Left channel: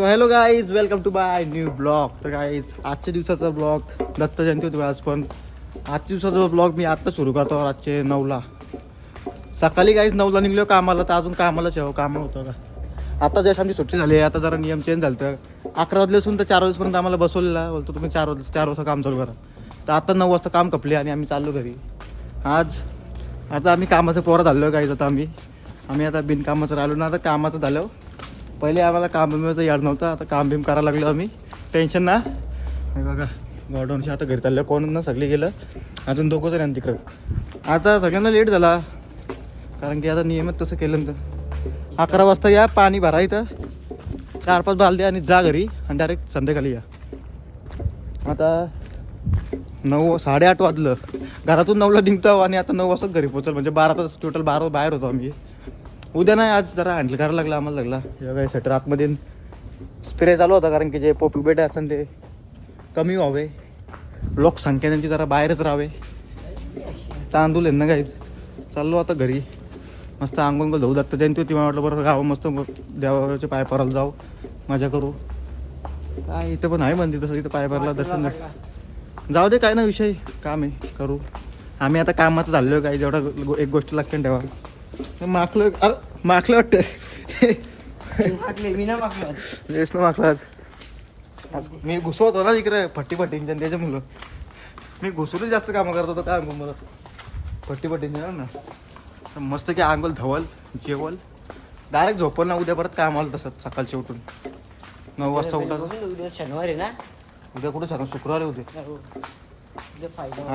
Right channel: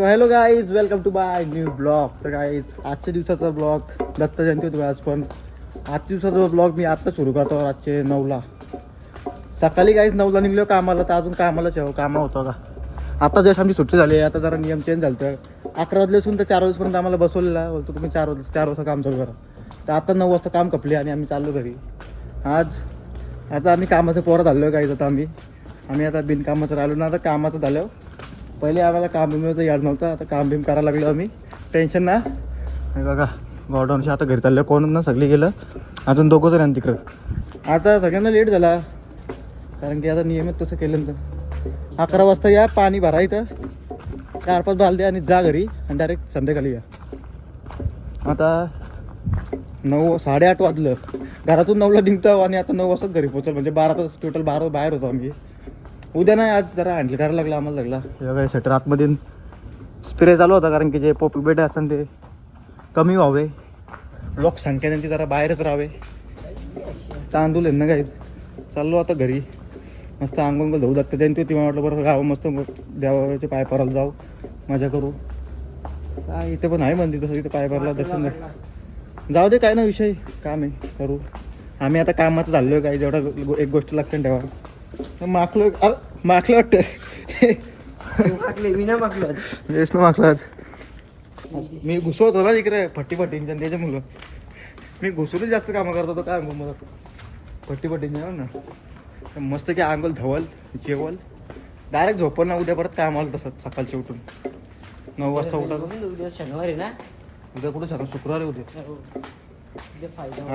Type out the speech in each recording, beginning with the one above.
So hello guys, welcome to my new blog. तर guys आजच्या दिवसाचा ब्लॉग, दत्त जयंती होती आज, पण आजच्या दिवसाचा ब्लॉग मी आत्ता सुरू करतो. रातचे 9ला सकाळी गाईज 9ला निघलो कामाला, तर अजून कामालाच आहे. कामं होतं का आता जस्ट आमची सुट्टी झाली. आता जरा नियम चेंज झालं, तर 11 वाजले असून तर 4 वाजेपर्यंत आम्हाला बसवलेला. बोलतो तुम्ही 4 वाजता काम चालू करा. तर आता 9 वाजता काम कपले आणि आम्ही चाललो घरी. आता आम्ही कामाचं पोरं झालो आहे गाईज. आता आम्ही आता बिनकामाचं राहिलो ना. आता कामाचं झालं. पहिले आम्हाला काम बिमाचं याड नव्हतं, आता काम बिम करायला लागलो आम्ही. टेन्शन ना. बघा गॉडाऊनशी आता घरी चाललं, कोण ना सगळे गेलं, अजून दोघंच आहे तिकडं. आता सगळ्यांना लेट झाला, कारण की आता नियमित तसं केलं तर 11 वाजता या, पाणी भरायचं 4-5 बालद्या आणि जा घरी, आणि डायरेक्ट संध्याकाळी या. आता 8:30 वाजलं. घरातून 9ला निघतो आणि आता 9 वाजताच घरी पोहोचल, म्हणजे 12 तास टोटल 12 बाहेर होतो आम्ही. उद्या नाही, आज जरा हँडल करायला लागला आम्हाला. लागला शटर आतमध्ये स्प्रे चालू होता, कारण की जे पॉपअप बेट असतात ते कमी व्हावे, लोकसंख्या त्यांची जरा बाहेरच राहावे. तांदूळ आहे ना काही. चाललो आता घरी, मस्त अंगोंग धुऊ. दत्त जयंती होती, मला वाटलं बरं गावं मस्त देवाचे पाय परायला जाऊ, मजा करू. काय इथं पण आहे मंदिर तसं, इथं पाय परायला दर्शन जाऊ दे, काय ना विषय, काम आहे करू. आम्ही आता कामाचं झालो आहे. काय जेवढा एक गोष्ट लक्षात ठेवा, माखलं. अरे माखलं वाटतं, मी ना माखलं आज. मी घुसवतो ना इकडे फट्टींच्या, त्याच्यामुळं मी घुसूनच जास्त कामं करत होतो. काय मला फट्टींच्या ना, मस्त की अंगोल धवल, जेवल, डायरेक्ट झोपल ना. उद्या परत काम आलं तसं सकाळचं उठून 9 वाजता उठायचं. उद्या शनिवार आहे ना. उद्या कुठं सकाळ शुक्रवार उद्या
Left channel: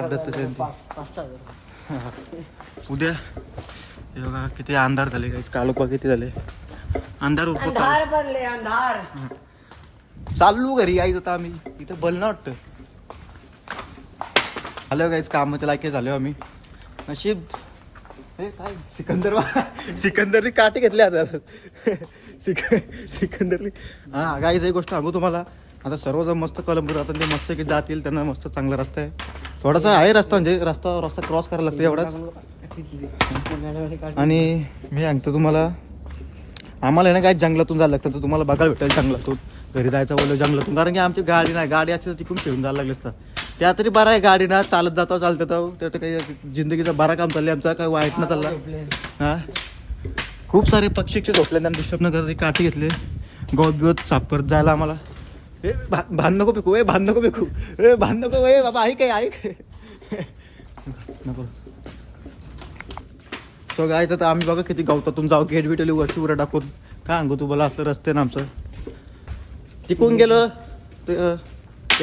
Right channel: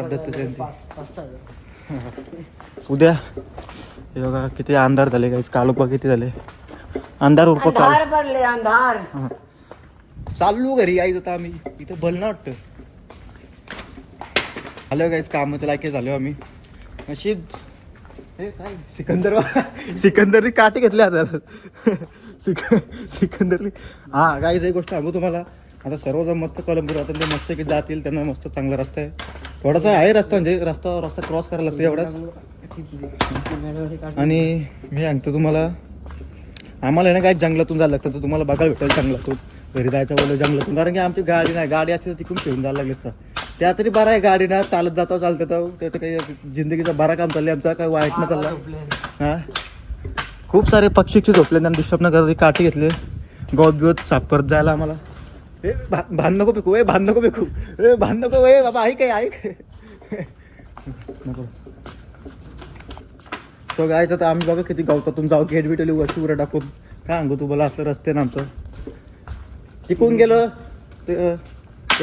दत्त जयंती. उद्या हे बघा किती अंधार झाले काही, काल किती झाले अंधार उरप काल. अंधार चालू घरी यायचं. आता आम्ही इथं बल ना वाटतं आलो गाईच, कामाच्या लायकी झालो आम्ही. नशीब हे काय सिकंदरनी काठी घेतली आता. सिकंदरनी हा गाईच एक गोष्ट सांगू तुम्हाला. आता सर्वजण मस्त कलमपूर आता ते मस्त की जातील, त्यांना मस्त चांगला रस्ता आहे. थोडासा आहे रस्ता, म्हणजे रस्ता क्रॉस करायला लागतो एवढाच. आणि मी सांगतो तुम्हाला, आम्हाला आहे ना काय जंगलातून जायला लागतं, तर तुम्हाला बघायला भेटेल जंगलातून. घरी जायचं बोललं जंगलातून, कारण की आमची गाडी नाही. गाडी असते तर तिकडून फिरून जायला लागली असतं. त्या तरी बरा आहे, गाडी ना चालत जातो तेवढं काही जिंदगीचा बरा काम चाललं आमचा, काय वाईट ना चालला. हां खूप सारे पक्षी झोपले, त्यांना डिस्टर्ब न करत काठी घेतले, गवत बिवत साफ करत जायला आम्हाला. हे भान नको फेकू, भान नको फेकू, भान नको बाबा, ऐक नको. सो गाय तर आम्ही बघा किती गवतातून जाऊ, गेट बिटवली वरची उरं टाकून. काय सांगू तुम्हाला, असलं रस्ते ना आमचं. तिकून गेलो ते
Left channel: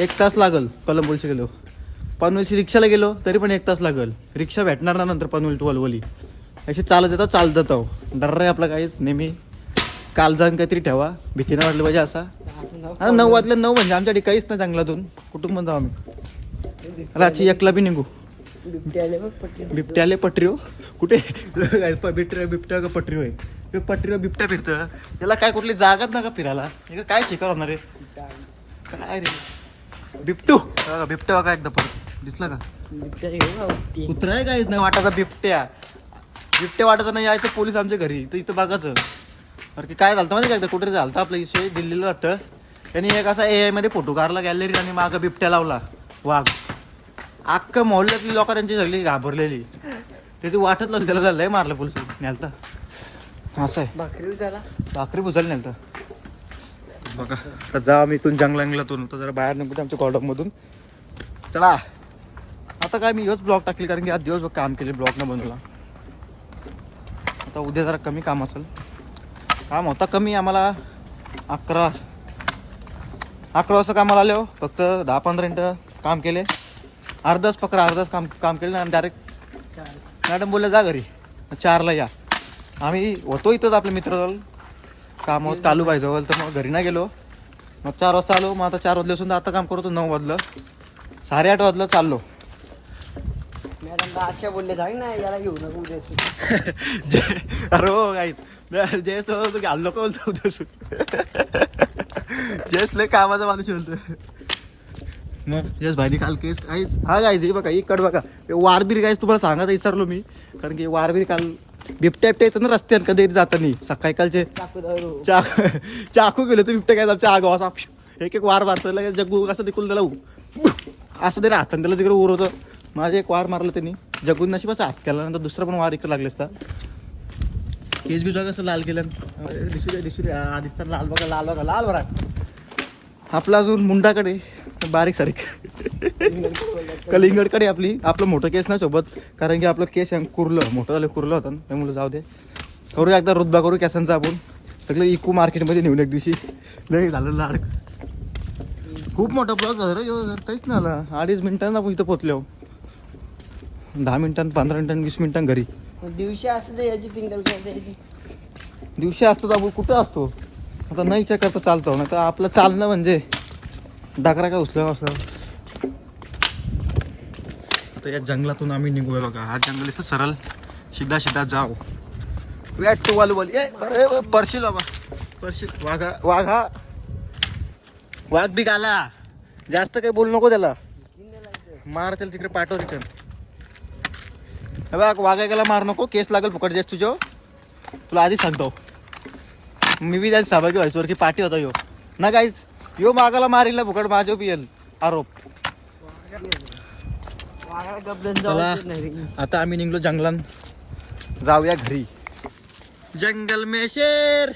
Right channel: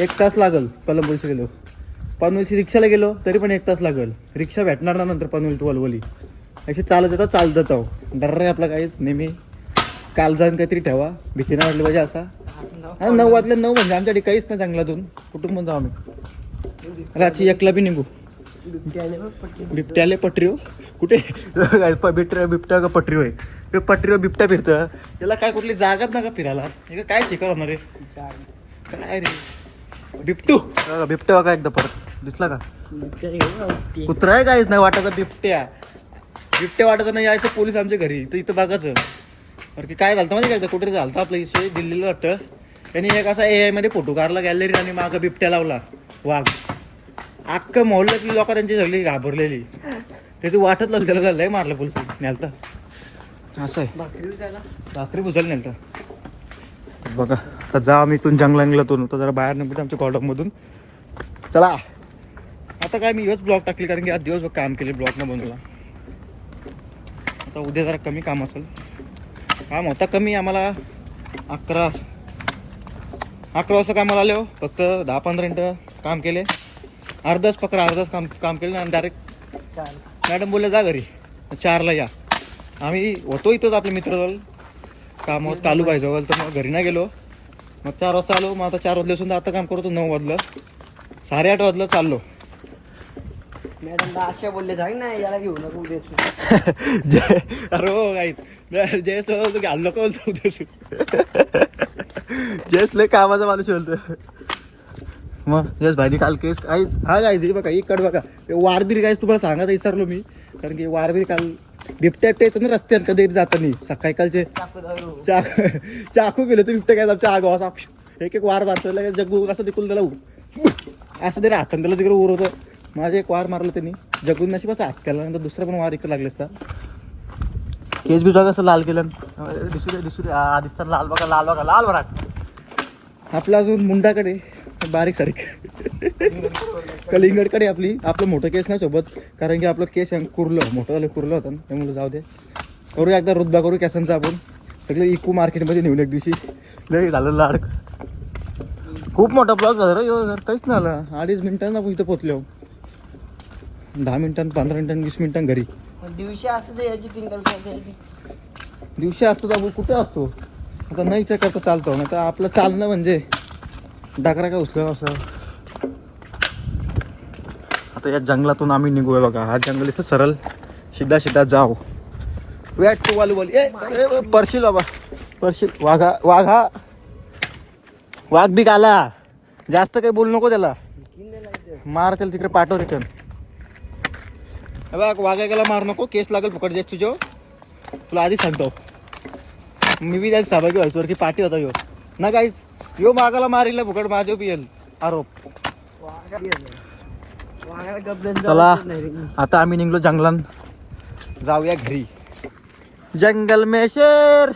1 तास लागल. कलंबोलीशी गेलो, पनवेलची रिक्षाला गेलो तरी पण 1 तास लागल. रिक्षा भेटणार ना नंतर पनवेल टू वलवली. अशी चालत जातो. डर आहे आपला काहीच. नेहमी काल जाऊन काहीतरी ठेवा, भीती नाही वाटली पाहिजे असा. आणि 9 वाजले 9 म्हणजे आमच्याकडे काहीच नाही जंगलातून. कुठून पण जाऊ आम्ही. रात्री एकला बी निघू. बिबट्याले पटरी हो कुठे बिबट्या का पटरी होय. ते पटरीवर बिबट्या फिरतं, त्याला काय कुठली जागाच नका फिरायला. काय शिकार होणार आहे काय रे. बिबटू बिबट्या बघा एकदा परत दिसला का. कुत्रा आहे काहीच नाही वाटायचा. बिबट्या वाटायचा नाही. यायचं पोलीस आमच्या घरी, तर इथं बघायचं. कारण की काय झालं म्हणजे काय, कुठे झालं आपलं इशू दिल्लीला वाटतं. त्यांनी एक असा AI मध्ये फोटो काढला गॅलरी, आणि मागं बिबट्या लावला वाघ. अख्खं मोहल्ल्यातली लोक त्यांची सगळी घाबरलेली. त्याची वाटत लागली, त्याला लय मारलं पोलीस नेलता. असं आहे, भाकरी भुजायला नेलता. बघा आता जा आम्ही इथून जंगलातून तर जरा बाहेर निघतो आमच्या कॉलमधून. चला आता काय मी हेच ब्लॉग टाकली, कारण की आज दिवसभर काम केले ब्लॉग न बनवला. आता उद्या जरा कमी काम असेल. काम होता कमी आम्हाला. 11 वाजता कामाला आलो. फक्त 10-15 मिनटं काम केले. अर्धाच काम केलं आणि डायरेक्ट मॅडम बोलले जा घरी 4ला या. आम्ही होतो इथंच आपल्या मित्राजवळ, कामावर चालू पाहिजे तर मग घरी नाही गेलो. मग 4 वाजता आलो. मग आता 4 वाजल्यापासून आता काम करतो. 9 वाजलं, 8:30 वाजलं चाललो. मॅडम असे बोलले जाईल ना, याला घेऊ नको उद्या. अरे हो काहीच जयस की हल्लो का बोलतो उद्या. जयस लय कामाचा माणूस बोलतो. मग यस भाई काल केस काहीच हा जायचं बघा. इकडं बघा वारबीर काहीच तुम्हाला सांगायचं विसरलो मी, कारण की वारबीर काल बिबट्या येतं ना रस्त्यात कधी जाताना सकाळी कालचे. चाकू गेलो तर बिबट्या काय आमच्या आगावा एक एक वार मारतो लगेच जग्गू असं तिकून त्याला असं तरी हाताने त्याला तिकडे उरवतं. माझे एक वार मारलं त्यांनी जग्गून नशिबाचा हात केला नंतर दुसरा पण वार इकडे लागले असता. केस बी बघा असं लाल केलं दिसू आधीच तर लाल बघा. आपला अजून मुंडाकडे बारीक सारीक कलिंगडकडे आपलं मोठं केस नाही सोबत, कारण की आपलं केस मोठं झालं कुरलं होतं त्यामुळे जाऊ दे. करू एकदा रुतबा करू केसांचा आपण सगळं इकू मार्केटमध्ये नेऊन एक दिवशी. लय झालं लाड. खूप मोठा ब्लॉग झाला रे काहीच नाही आलं. 2.5 मिनिटांना आपण इथं पोचलो. 10 मिनिटां 15 मिनिटां 20 मिनिटां घरी. दिवशी असं द्यायची टिंगल दिवशी असतो आपण कुठं असतो आता नाही विचार करता चालतो ना तर आपलं चालणं म्हणजे डाकरा काय उचलं असं. आता या जंगलातून आम्ही निघूया बघा. हा जंगल इथं सरळ सीधा जाऊ. वेट तू वालू परशील बाबा परशील. वाघ बी आला. जास्त काही बोलू नको त्याला. मार त्याला तिकडे पाठव रिटर्न. बघ वाघा गेला मार नको केस लागेल फुकट जास्त तुझ्या. तुला आधीच सांगतो मी बी त्याची सहभागी व्हायचो की पाठी होता यो ना काहीच. यो मागाला मारिला फुकट माझ्या बी येईल आरोप. चला आता आम्ही निघलो जंगलात जाऊया घरी. जंगल में शेर.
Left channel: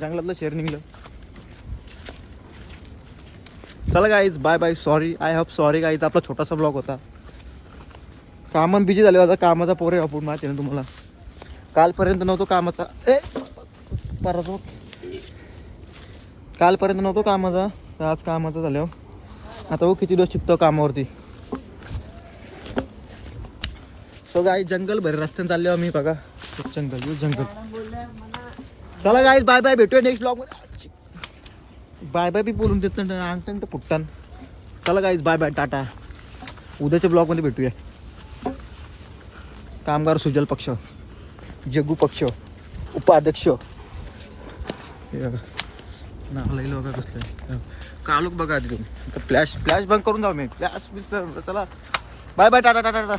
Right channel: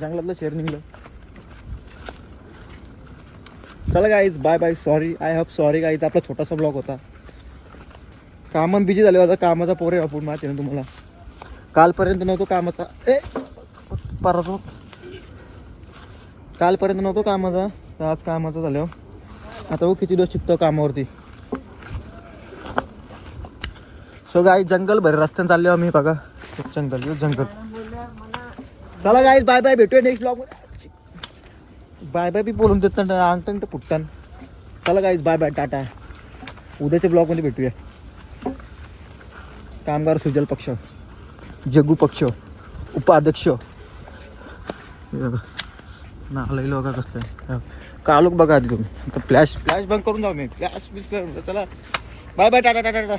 जंगलातलं शेर निघलं. चला guys bye bye. Sorry guys. आपला छोटासा ब्लॉग होता. कामं बिजी झाले आता. कामाचा पोरे आपण माहिती ना तुम्हाला. कालपर्यंत नव्हतो कामाचा कालपर्यंत नव्हतो कामाचा तर आज कामाचा झाल्यावर आता वो किती दिवस शिकतो कामावरती. सो गाईज जंगल भरे रस्त्याने चालले आम्ही बघा. जंगल. चला गाईज बाय बाय. भेटूया नेक्स्ट ब्लॉग मध्ये. बाय बाय बी बोलून देत अंगठण तर फुटतान. चला गाईज बाय बाय टाटा. उद्याच्या ब्लॉगमध्ये भेटूया. कामगार सुजल पक्ष जग्गू पक्ष उपाध्यक्ष नाला बघा कसलं कालोख बघा आधी तुम्ही. फ्लॅश बंद करून जाऊ मी. फ्लॅश चला बाय बाय टाटा.